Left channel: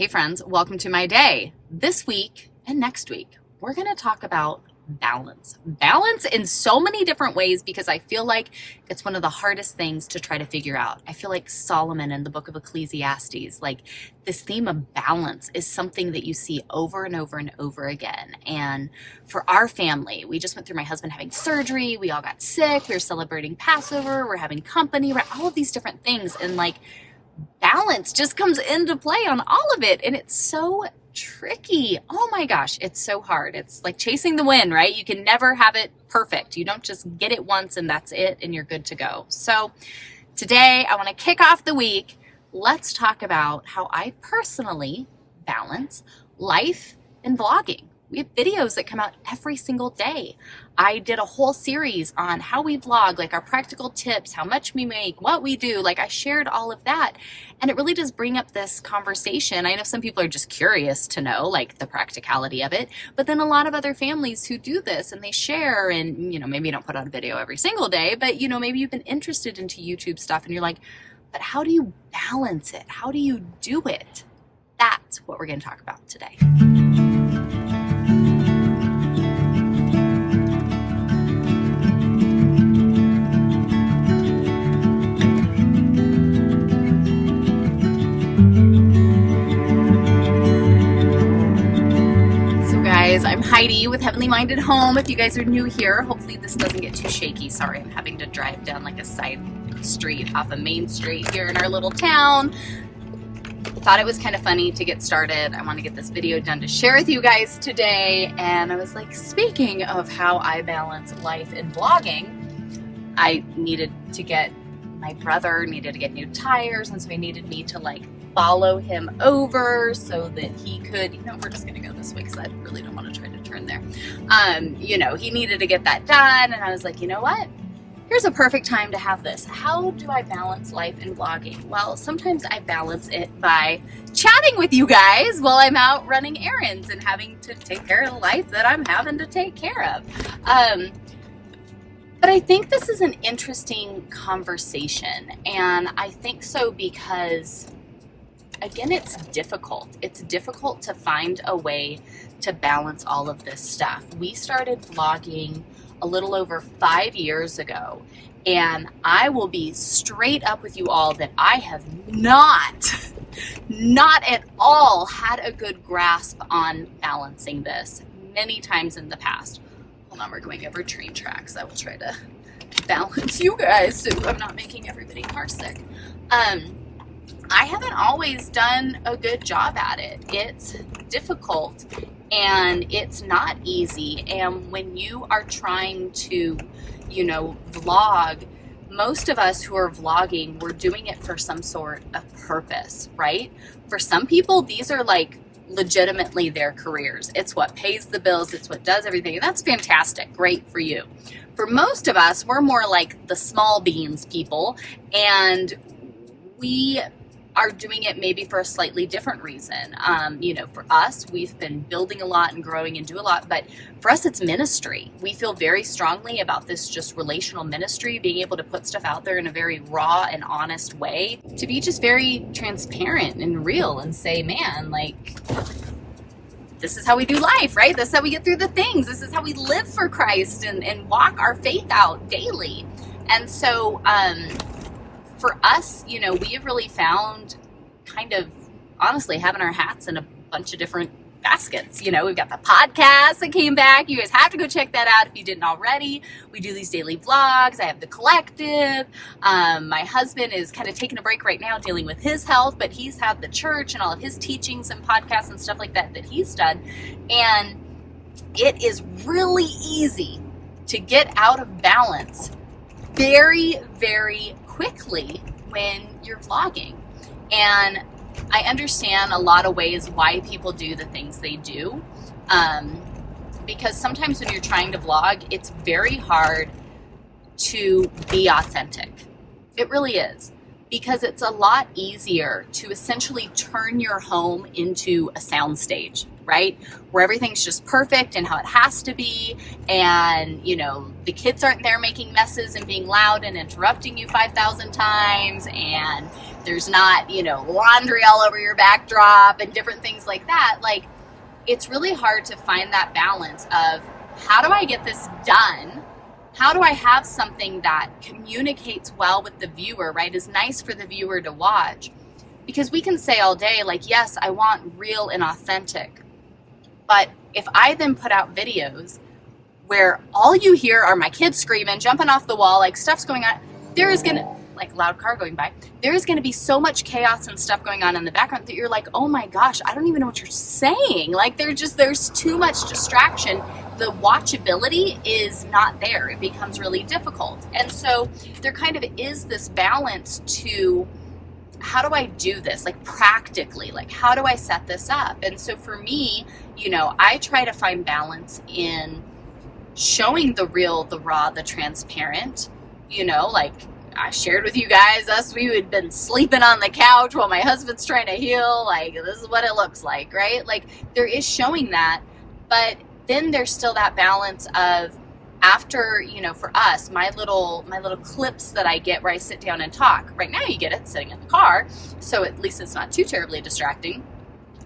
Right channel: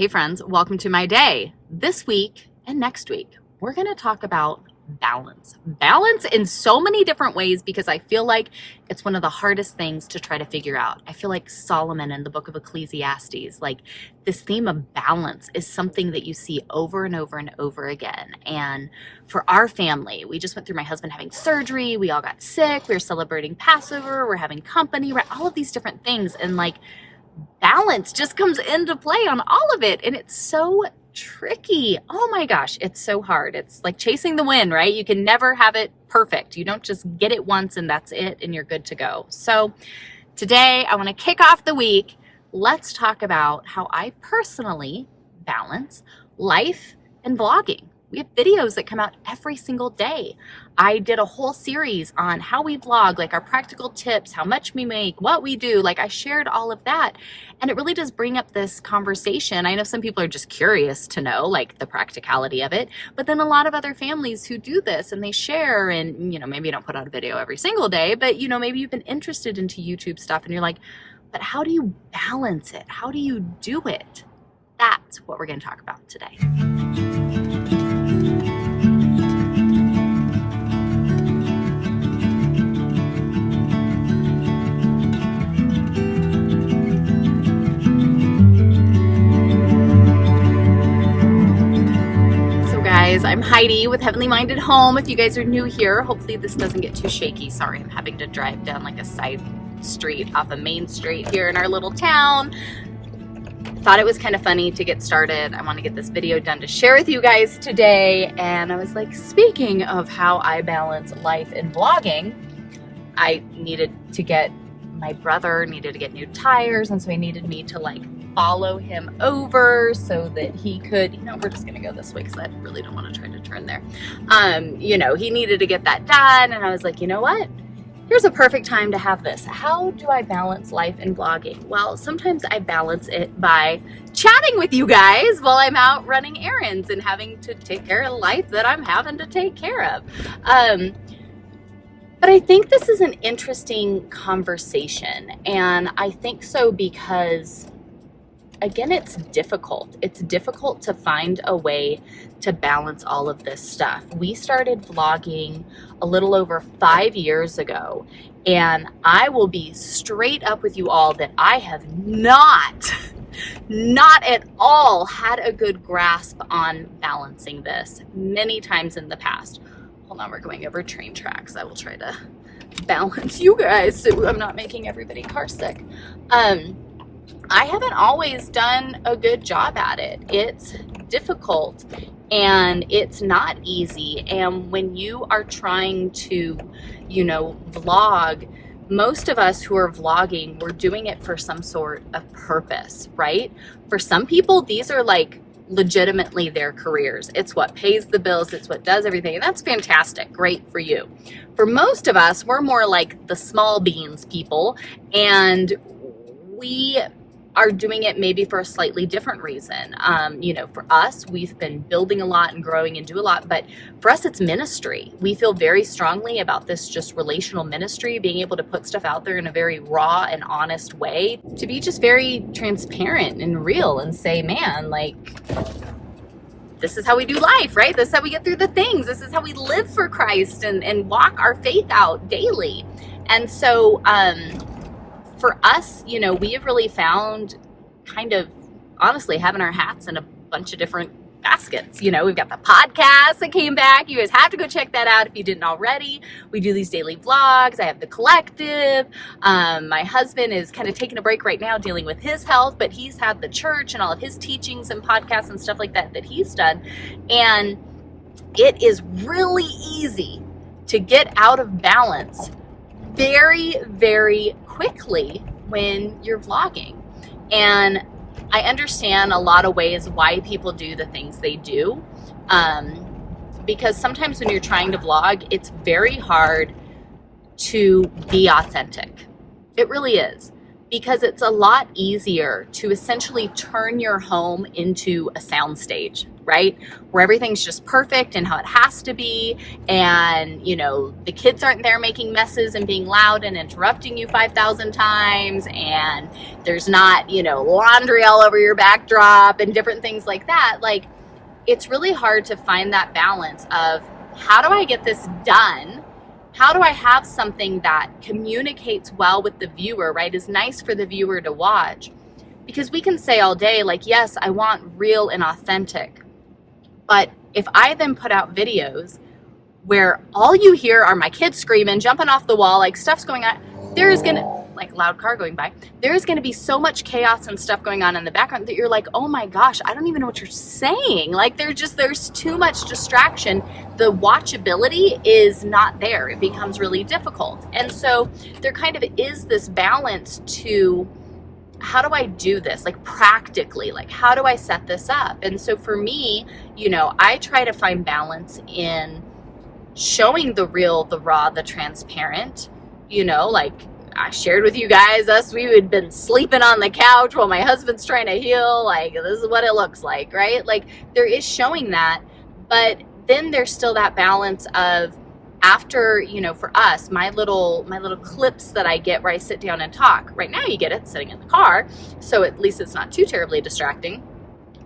Hey friends, welcome to my day. This week and next week, we're going to talk about balance. Balance in so many different ways because I feel like it's one of the hardest things to try to figure out. I feel like Solomon in the book of Ecclesiastes, like this theme of balance is something that you see over and over and over again. And for our family, we just went through my husband having surgery. We all got sick. We were celebrating Passover. We're having company, right? All of these different things. And like balance just comes into play on all of it. And it's so tricky. Oh my gosh, it's so hard. It's like chasing the wind, right? You can never have it perfect. You don't just get it once and that's it and you're good to go. So today I want to kick off the week. Let's talk about how I personally balance life and vlogging. We have videos that come out every single day. I did a whole series on how we vlog, like our practical tips, how much we make, what we do. Like I shared all of that. And it really does bring up this conversation. I know some people are just curious to know like the practicality of it, but then a lot of other families who do this and they share and, maybe you don't put out a video every single day, but maybe you've been interested into YouTube stuff and you're like, but how do you balance it? How do you do it? That's what we're going to talk about today. I'm Heidi with Heavenly Minded Home. If you guys are new here, hopefully this doesn't get too shaky. Sorry, I'm having to drive down like a side street off a main street here in our little town. Thought it was kind of funny to get started. I want to get this video done to share with you guys today. And I was like, speaking of how I balance life and vlogging, I needed to get, my brother needed to get new tires. And so he needed me to like follow him over so that he could, we're just gonna go this way because I really don't want to try to turn there. He needed to get that done. And I was like, you know what? Here's a perfect time to have this. How do I balance life and vlogging? Well, sometimes I balance it by chatting with you guys while I'm out running errands and having to take care of the life that I'm having to take care of. But I think this is an interesting conversation. And I think so because again, it's difficult. It's difficult to find a way to balance all of this stuff. We started vlogging a little over 5 years ago, and I will be straight up with you all that I have not at all had a good grasp on balancing this many times in the past. Hold on, we're going over train tracks. I will try to balance you guys so I'm not making everybody car sick. I haven't always done a good job at it. It's difficult and it's not easy. And when you are trying to, vlog, most of us who are vlogging, we're doing it for some sort of purpose, right? For some people, these are like legitimately their careers. It's what pays the bills. It's what does everything. And that's fantastic. Great for you. For most of us, we're more like the small beans people, and we are doing it maybe for a slightly different reason. For us, we've been building a lot and growing and do a lot, but for us, it's ministry. We feel very strongly about this just relational ministry, being able to put stuff out there in a very raw and honest way, to be just very transparent and real and say, man, like, this is how we do life, right? This is how we get through the things. This is how we live for Christ and walk our faith out daily. And so, for us, we have really found kind of honestly having our hats in a bunch of different baskets. We've got the podcast that came back. You guys have to go check that out if you didn't already. We do these daily vlogs. I have the collective. My husband is kind of taking a break right now dealing with his health, but he's had the church and all of his teachings and podcasts and stuff like that he's done. And it is really easy to get out of balance very, very quickly when you're vlogging. And I understand a lot of ways why people do the things they do. Because sometimes when you're trying to vlog, it's very hard to be authentic. It really is. Because it's a lot easier to essentially turn your home into a soundstage, right? Where everything's just perfect and how it has to be. And, the kids aren't there making messes and being loud and interrupting you 5,000 times. And there's not, laundry all over your backdrop and different things like that. Like, it's really hard to find that balance of, how do I get this done? How do I have something that communicates well with the viewer, right? Is nice for the viewer to watch. Because we can say all day, like, yes, I want real and authentic. But if I then put out videos where all you hear are my kids screaming, jumping off the wall, like stuff's going on, like loud car going by, there is going to be so much chaos and stuff going on in the background that you're like, oh my gosh, I don't even know what you're saying. Like, there's too much distraction. The watchability is not there. It becomes really difficult. And so there kind of is this balance to, how do I do this? Like, practically, like, how do I set this up? And so for me, I try to find balance in showing the real, the raw, the transparent. Like I shared with you guys, we had been sleeping on the couch while my husband's trying to heal. Like, this is what it looks like, right? Like, there is showing that, but then there's still that balance of, after, for us, my little clips that I get where I sit down and talk. Right now you get it sitting in the car, so at least it's not too terribly distracting.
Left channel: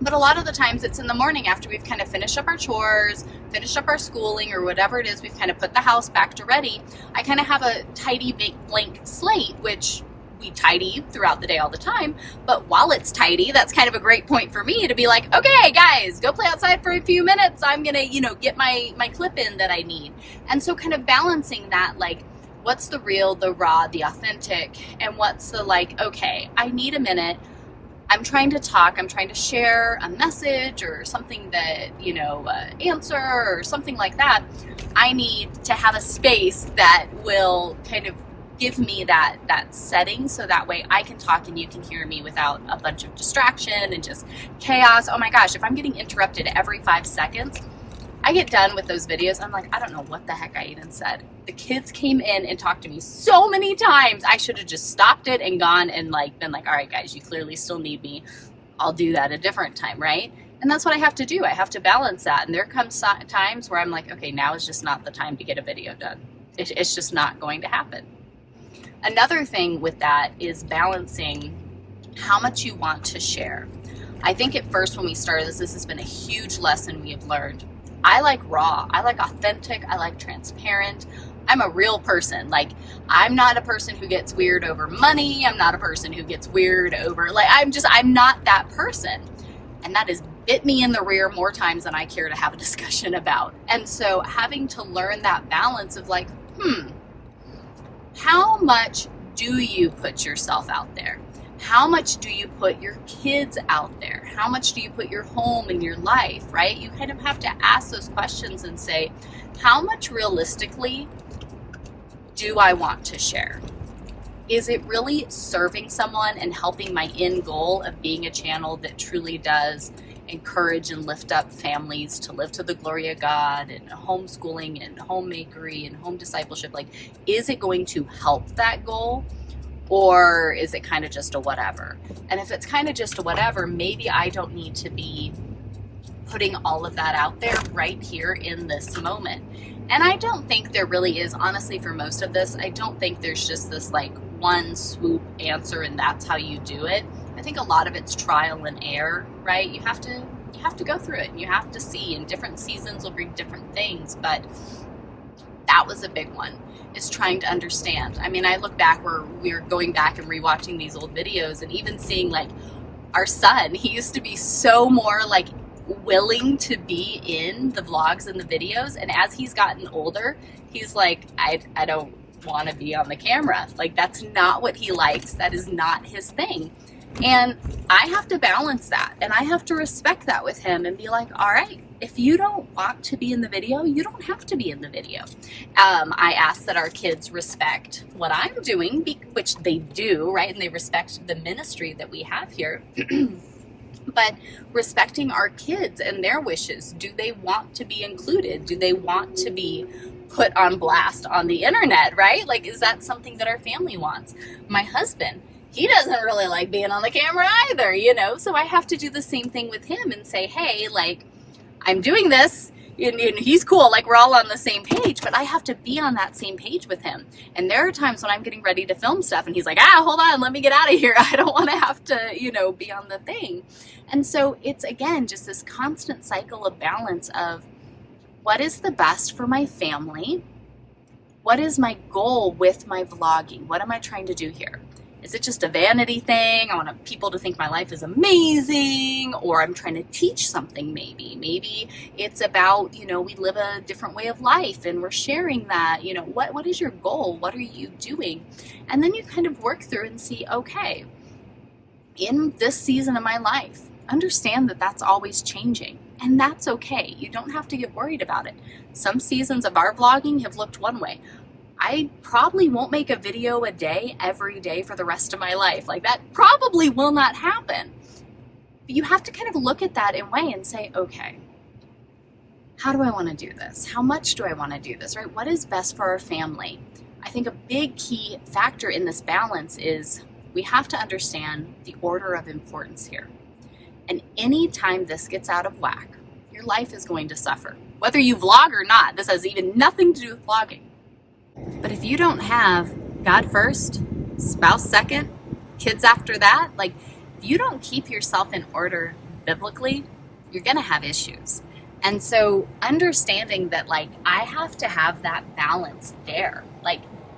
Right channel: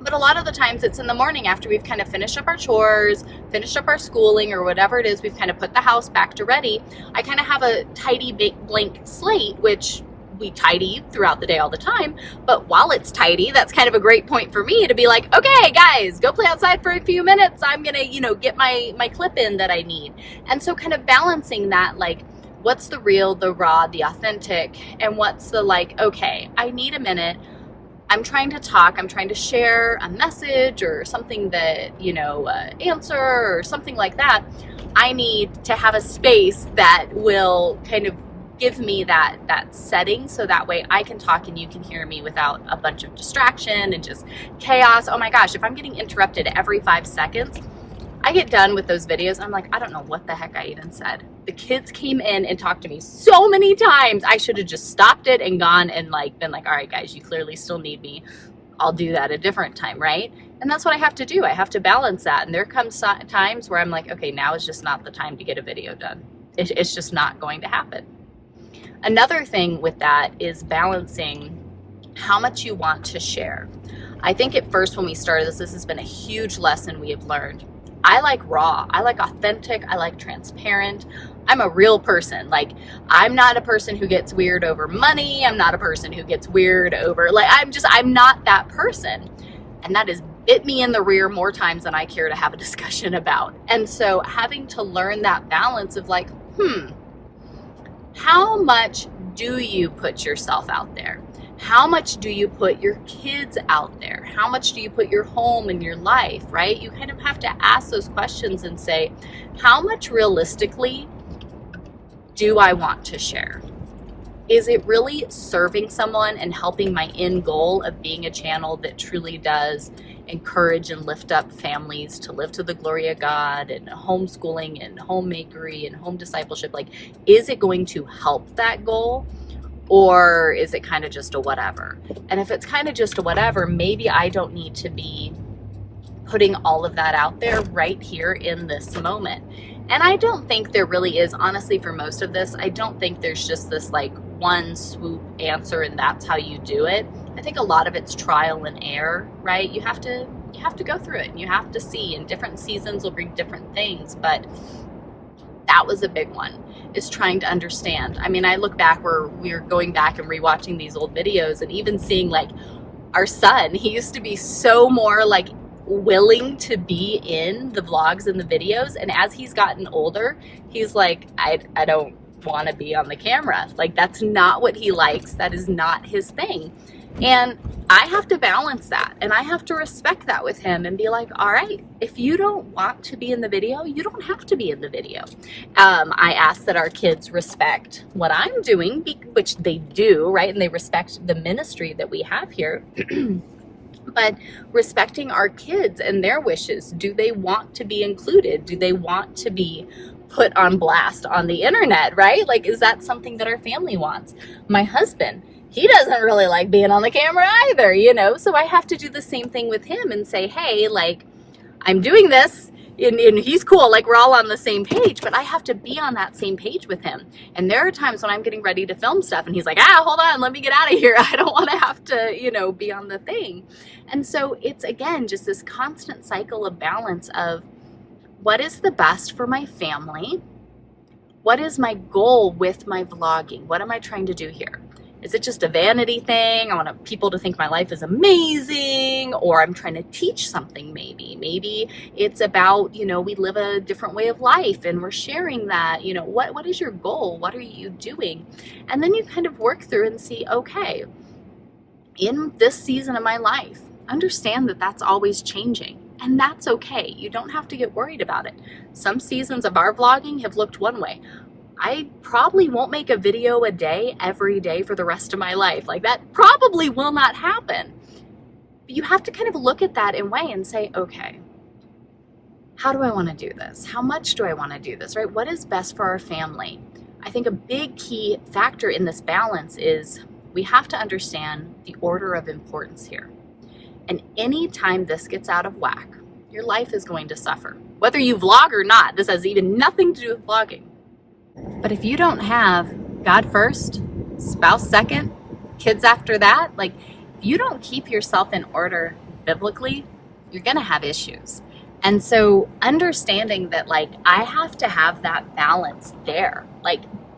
But a lot of the times it's in the morning after we've kind of finished up our chores, finished up our schooling, or whatever it is, we've kind of put the house back to ready. I kind of have a tidy blank slate, which we tidy throughout the day all the time. But while it's tidy, that's kind of a great point for me to be like, okay, guys, go play outside for a few minutes. I'm going to, get my clip in that I need. And so kind of balancing that, like, what's the real, the raw, the authentic, and what's the, like, okay, I need a minute. I'm trying to talk. I'm trying to share a message or something that, answer or something like that. I need to have a space that will kind of give me that setting, so that way I can talk and you can hear me without a bunch of distraction and just chaos. Oh my gosh, if I'm getting interrupted every 5 seconds, I get done with those videos, I'm like, I don't know what the heck I even said. The kids came in and talked to me so many times. I should have just stopped it and gone and been like, all right, guys, you clearly still need me. I'll do that a different time, right? And that's what I have to do. I have to balance that. And there comes times where I'm like, okay, now is just not the time to get a video done. It's just not going to happen. Another thing with that is balancing how much you want to share. I think at first when we started this has been a huge lesson we have learned. I like raw, I like authentic, I like transparent. I'm a real person. Like, I'm not a person who gets weird over money. I'm not a person who gets weird over, I'm not that person. And that has bit me in the rear more times than I care to have a discussion about. And so having to learn that balance of like, how much do you put yourself out there? How much do you put your kids out there? How much do you put your home and your life, right? You kind of have to ask those questions and say, how much realistically do I want to share? Is it really serving someone and helping my end goal of being a channel that truly does encourage and lift up families to live to the glory of God, and homeschooling and homemakery and home discipleship? Like, is it going to help that goal? Or is it kind of just a whatever? And if it's kind of just a whatever, maybe I don't need to be putting all of that out there right here in this moment. And I don't think there really is, honestly, for most of this, I don't think there's just this like one swoop answer and that's how you do it. I think a lot of it's trial and error, right? You have to go through it and you have to see, and different seasons will bring different things, but that was a big one, is trying to understand. I mean, I look back where we were going back and rewatching these old videos and even seeing like our son, he used to be so more like willing to be in the vlogs and the videos. And as he's gotten older, he's like, I don't want to be on the camera. Like, that's not what he likes. That is not his thing. And I have to balance that, and I have to respect that with him and be like, all right, if you don't want to be in the video, you don't have to be in the video. I ask that our kids respect what I'm doing, which they do, right? And they respect the ministry that we have here. But respecting our kids and their wishes. Do they want to be included? Do they want to be put on blast on the internet, right? Like, is that something that our family wants? My husband, he doesn't really like being on the camera either, So I have to do the same thing with him and say, hey, like, I'm doing this and he's cool. Like we're all on the same page, but I have to be on that same page with him. And there are times when I'm getting ready to film stuff and he's like, hold on, let me get out of here. I don't want to have to, be on the thing. And so it's, again, just this constant cycle of balance of what is the best for my family? What is my goal with my vlogging? What am I trying to do here? Is it just a vanity thing? I want people to think my life is amazing, or I'm trying to teach something maybe. Maybe it's about, we live a different way of life and we're sharing that. What is your goal? What are you doing? And then you kind of work through and see, okay, in this season of my life, understand that that's always changing. And that's okay. You don't have to get worried about it. Some seasons of our vlogging have looked one way. I probably won't make a video a day every day for the rest of my life. Like that probably will not happen. But you have to kind of look at that and weigh and say, okay, how do I want to do this? How much do I want to do this, right? What is best for our family? I think a big key factor in this balance is we have to understand the order of importance here. And anytime this gets out of whack, your life is going to suffer. Whether you vlog or not, this has even nothing to do with vlogging. But if you don't have God first, spouse second, kids after that, if you don't keep yourself in order biblically, you're going to have issues. And so understanding that I have to have that balance there.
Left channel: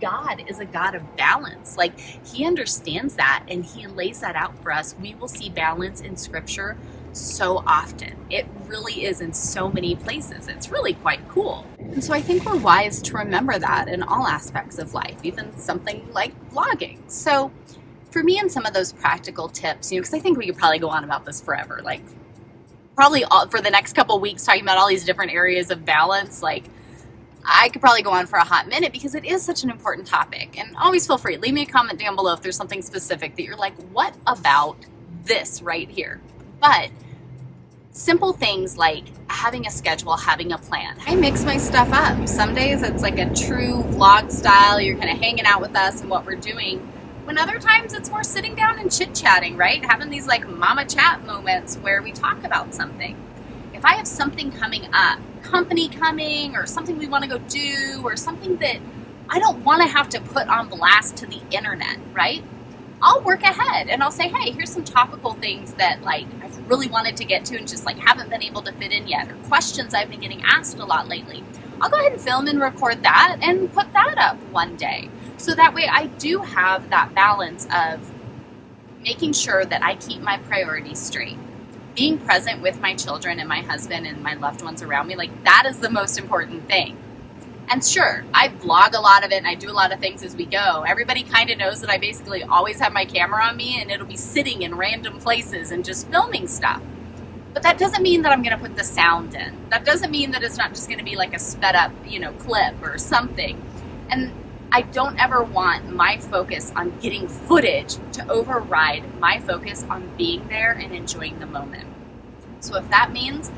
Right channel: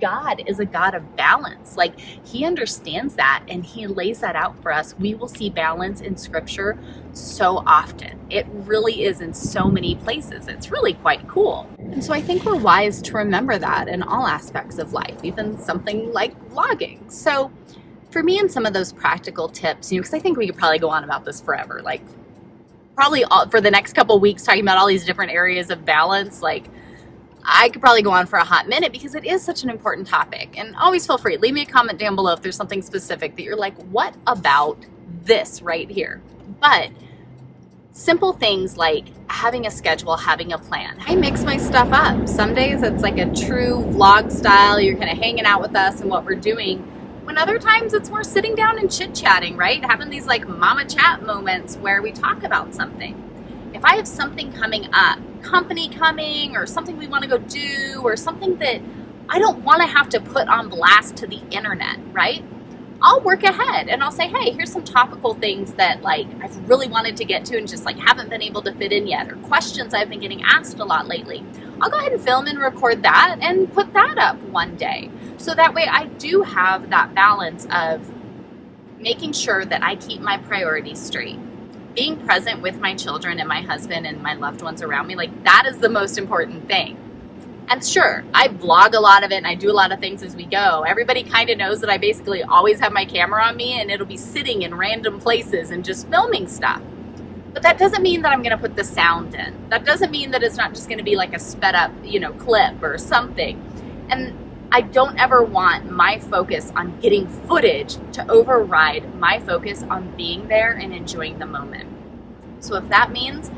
God is a God of balance. He understands that and he lays that out for us. We will see balance in scripture so often. It really is in so many places. It's really quite cool. And so I think we're wise to remember that in all aspects of life, even something like vlogging. So for me, and some of those practical tips, because I think we could probably go on about this forever, probably for the next couple weeks talking about all these different areas of balance, I could probably go on for a hot minute because it is such an important topic. And always feel free, leave me a comment down below if there's something specific that you're like, what about this right here? But simple things like having a schedule, having a plan. I mix my stuff up. Some days it's like a true vlog style. You're kind of hanging out with us and what we're doing. When other times it's more sitting down and chit-chatting, right? Having these mama chat moments where we talk about something. If I have something coming up, company coming, or something we want to go do, or something that I don't want to have to put on blast to the internet, right? I'll work ahead and I'll say, hey, here's some topical things that I've really wanted to get to and just haven't been able to fit in yet, or questions I've been getting asked a lot lately. I'll go ahead and film and record that and put that up one day. So that way I do have that balance of making sure that I keep my priorities straight. Being present with my children and my husband and my loved ones around me, that is the most important thing. And sure, I vlog a lot of it and I do a lot of things as we go. Everybody kind of knows that I basically always have my camera on me and it'll be sitting in random places and just filming stuff. But that doesn't mean that I'm going to put the sound in. That doesn't mean that it's not just going to be a sped up, clip or something. And I don't ever want my focus on getting footage to override my focus on being there and enjoying the moment. So if that means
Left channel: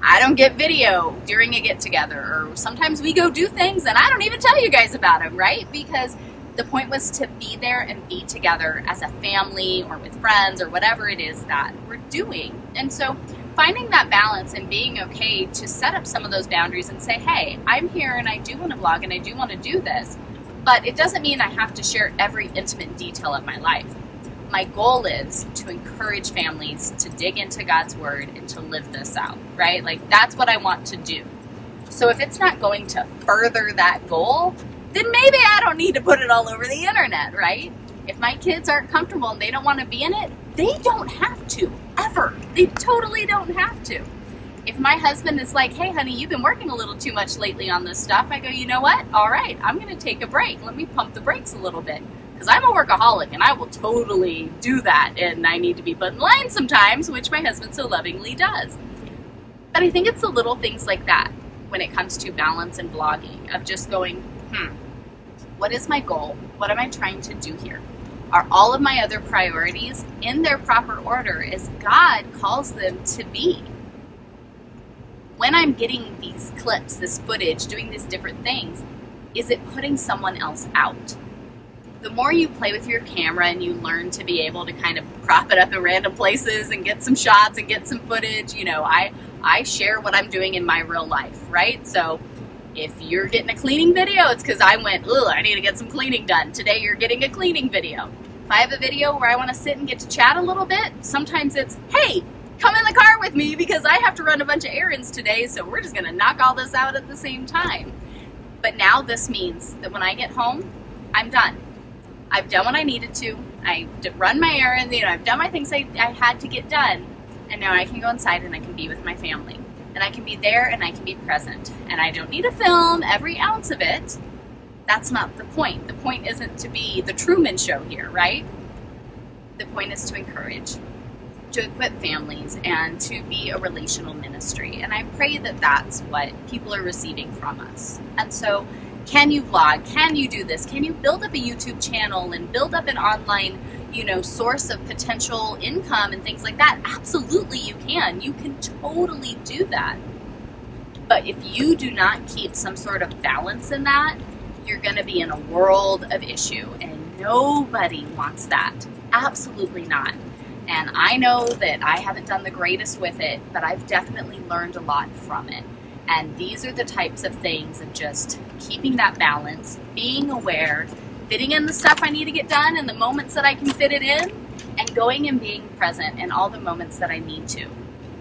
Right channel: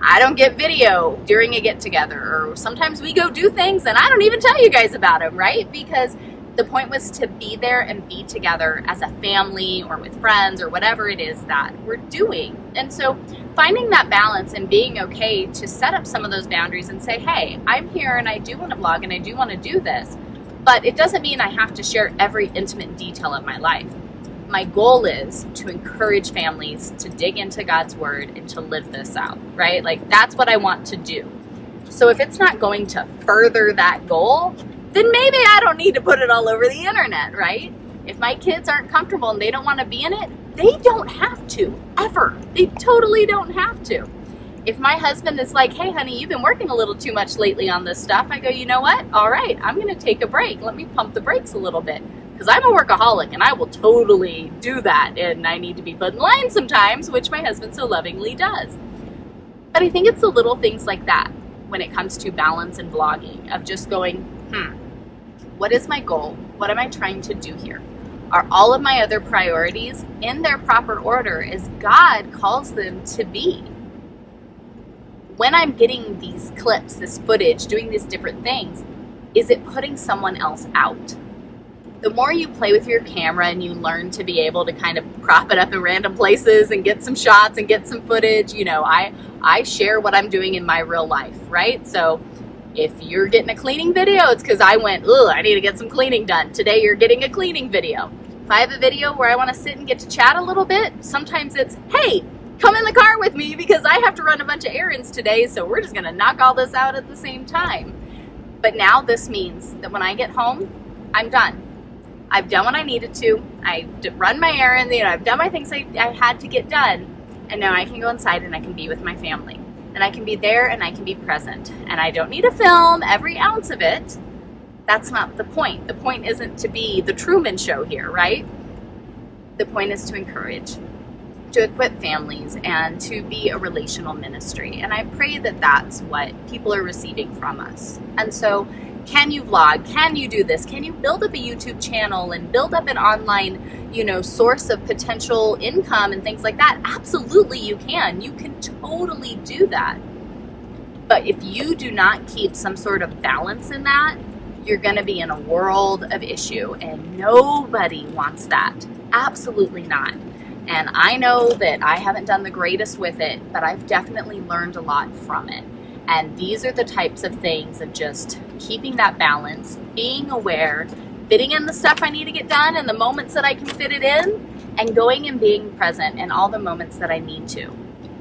I don't get video during a get together, or sometimes we go do things and I don't even tell you guys about them, right? Because the point was to be there and be together as a family or with friends or whatever it is that we're doing. And so finding that balance and being okay to set up some of those boundaries and say, hey, I'm here and I do want to vlog and I do want to do this. But it doesn't mean I have to share every intimate detail of my life. My goal is to encourage families to dig into God's word and to live this out, right? That's what I want to do. So if it's not going to further that goal, then maybe I don't need to put it all over the internet, right? If my kids aren't comfortable and they don't want to be in it, they don't have to, ever. They totally don't have to. If my husband is like, hey, honey, you've been working a little too much lately on this stuff, I go, you know what? All right, I'm going to take a break. Let me pump the brakes a little bit. Because I'm a workaholic and I will totally do that. And I need to be put in line sometimes, which my husband so lovingly does. But I think it's the little things like that when it comes to balance and vlogging, of just going, what is my goal? What am I trying to do here? Are all of my other priorities in their proper order as God calls them to be? When I'm getting these clips, this footage, doing these different things, is it putting someone else out? The more you play with your camera and you learn to be able to kind of prop it up in random places and get some shots and get some footage, I I share what I'm doing in my real life, right? So if you're getting a cleaning video, it's because I went, ugh, I need to get some cleaning done. Today you're getting a cleaning video. If I have a video where I want to sit and get to chat a little bit, sometimes it's, hey, come in the car with me because I have to run a bunch of errands today, so we're just going to knock all this out at the same time. But now this means that when I get home, I'm done. I've done what I needed to. I've run my errands, I've done my things I had to get done, and now I can go inside and I can be with my family. And I can be there and I can be present. And I don't need to film every ounce of it. That's not the point. The point isn't to be the Truman Show here, right? The point is to encourage, to equip families, and to be a relational ministry. And I pray that that's what people are receiving from us. And so, can you vlog? Can you do this? Can you build up a YouTube channel and build up an online source of potential income and things like that? Absolutely you can. You can totally do that. But if you do not keep some sort of balance in that, you're going to be in a world of issue, and nobody wants that. Absolutely not. And I know that I haven't done the greatest with it, but I've definitely learned a lot from it. And these are the types of things of just keeping that balance, being aware, fitting in the stuff I need to get done and the moments that I can fit it in, and going and being present in all the moments that I need to.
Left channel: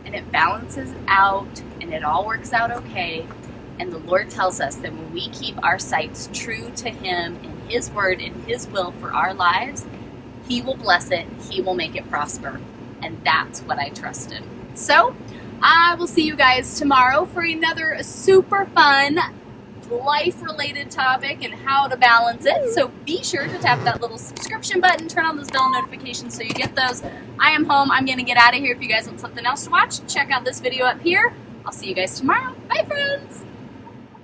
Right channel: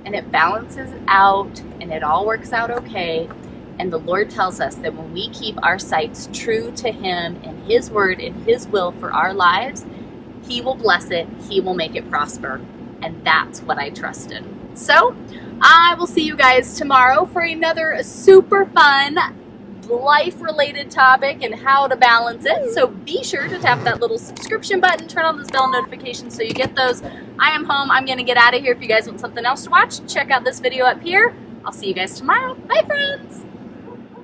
And it balances out and it all works out okay. And the Lord tells us that when we keep our sights true to Him and His word and His will for our lives, He will bless it, He will make it prosper. And that's what I trust in. So I will see you guys tomorrow for another super fun life-related topic and how to balance it. So be sure to tap that little subscription button, turn on those bell notifications so you get those. I am home. I'm going to get out of here. If you guys want something else to watch, check out this video up here. I'll see you guys tomorrow. Bye, friends.